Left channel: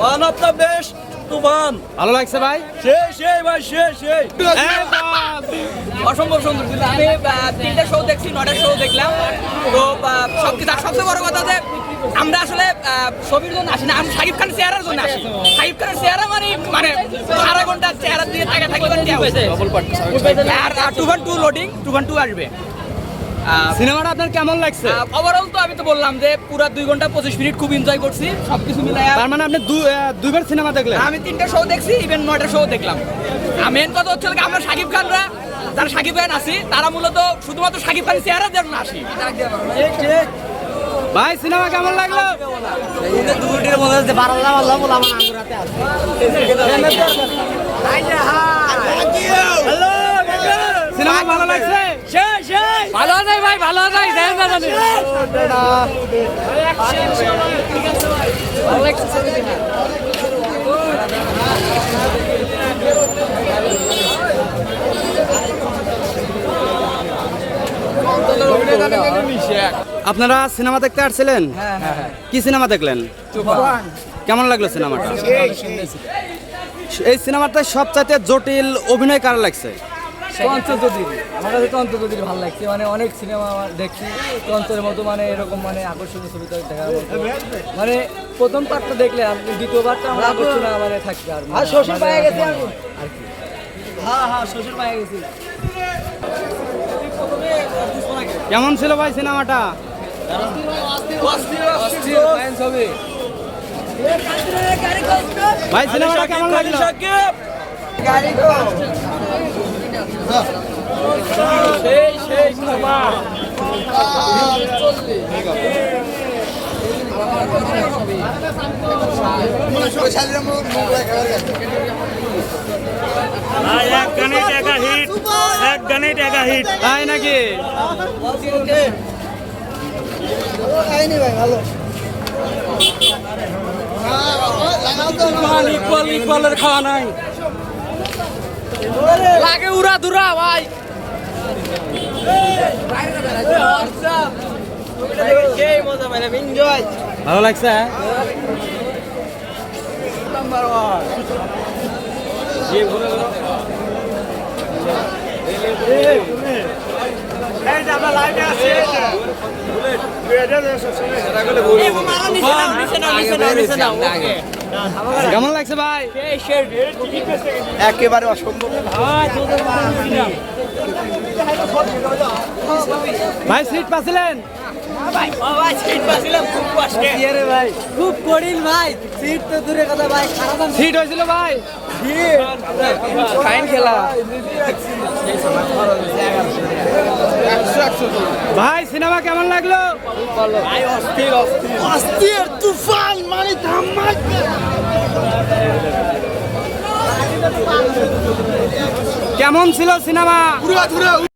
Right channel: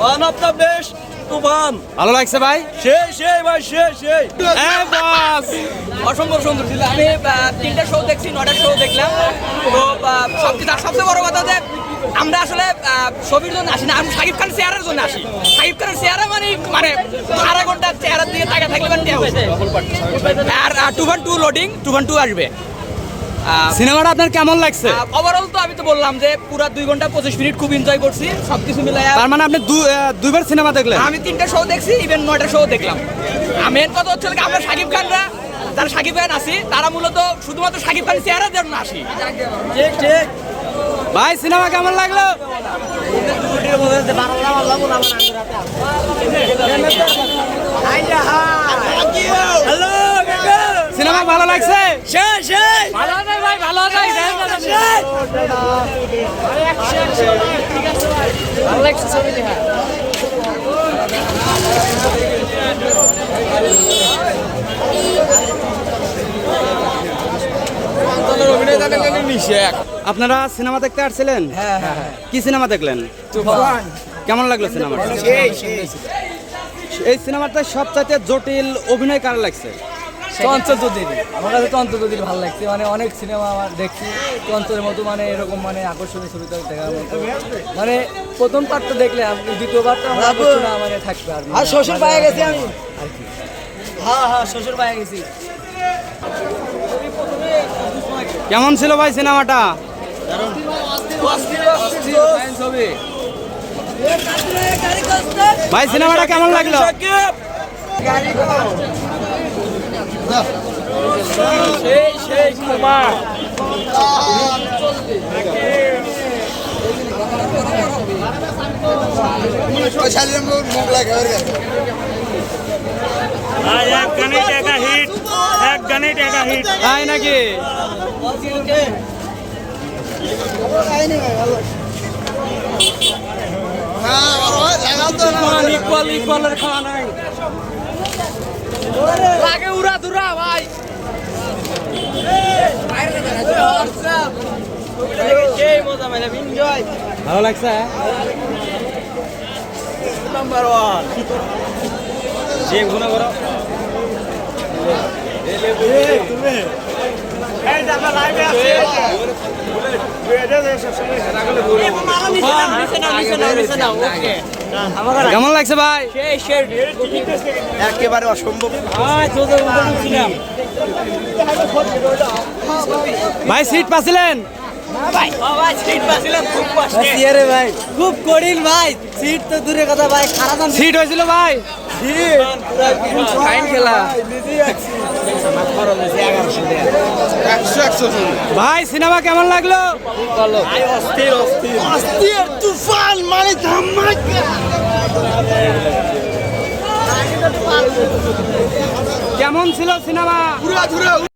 One of the best Toofan ভালো লাগছে ভাই? সেই সেই ভাই সেই সেই। অসম্ভব সম্ভব ছিল। আমি তিনটা শো দেখছি নটা শো দেখলাম। তো সবকিছু আর সবচেয়ে বড় কথা যে আমরা আসলে ছবির জন্য আসি না। আমি শাকিব খানের চেহারার জন্য আসি। শাকিব খানের চেহারা মানে মানে আড়াই ঘণ্টা চেহারা দিয়ে টাকা থাকলে মানে দেওয়া হয়েছে। আর two one two loading two one two আসবে। সিনেমাটা আপনার কেমন লাগছে? ওভারঅল তো আমি তো বললাম যে পুরা দুই ঘণ্টা পঁচিশ মিনিট খুব এনজয় করছি সবকিছু মিলে তার মানে আপনি দুইবার সিনেমা দেখলেন? আমি তিনটা শো দেখছি ইভেন নয়টা শো দেখলাম। মেন কথা হচ্ছে আমরা সাকিব খানরা যারা সাকিব খান আছি তারা মূলত শুধুমাত্র সাকিব খান চেহারার জন্য আসি। ভাই সিনেমা কেমন লাগল? ভালো লাগছে? ভালো যায় ভাই ভালো যায় আপনারা সিনেমা দেখতে আসছিলেন? কি সিনেমা দেখলেন? কেমন লাগল সিনেমাটা এই সিনেমাটা সবচাইতে জটিল অভিনয় কার লাগছে? চঞ্চল চৌধুরী আমার কাছে চঞ্চল চৌধুরী ভালো লাগছে। মানে অনেক সিনেমা আমার দেখছি। চঞ্চলের মতো মানে এরকম মানে আকর্ষণীয় ছবি তো দেখার মতো। মানে প্রথম পার্টটা দেখলে আপনি দ্বিতীয় পার্টটা আমার আকর্ষণ মানে থাকবে আর মানে শ্বশুর পায়ে গেছি আমি। আর কি। হ্যাঁ হ্যাঁ শ্বশুর পায়ে গেছি। কেমন ছিল ভাই সিনেমাটা? ভাই সিনেমাটা কেমন লাগল? আর এক গানে টাকা হিট এক গানে টাকা হিট তাই নাকি ইকুয়াল ইকুয়ালের খাওয়া নাই লাগে উড়া দুরা ভাই সেই মজা মানে এনজয় ভালো লাগছে হ্যাঁ? নাম্বার ওয়ান যে গুণা করো কেমন লাগছে ভাই? একেবারে অসম্ভব। ভাই সিট পাছিলেন খুব কঠিন ভাই। সিট তো দূরে কথা ভাই। খারাপ সিট হয়েছিল ভাই? ফাইন খেলা। ভাই সিনেমা কেমন লাগল? অস্থির অস্থির। অস্থির তুফান মানে কেমন ছিল সিনেমা?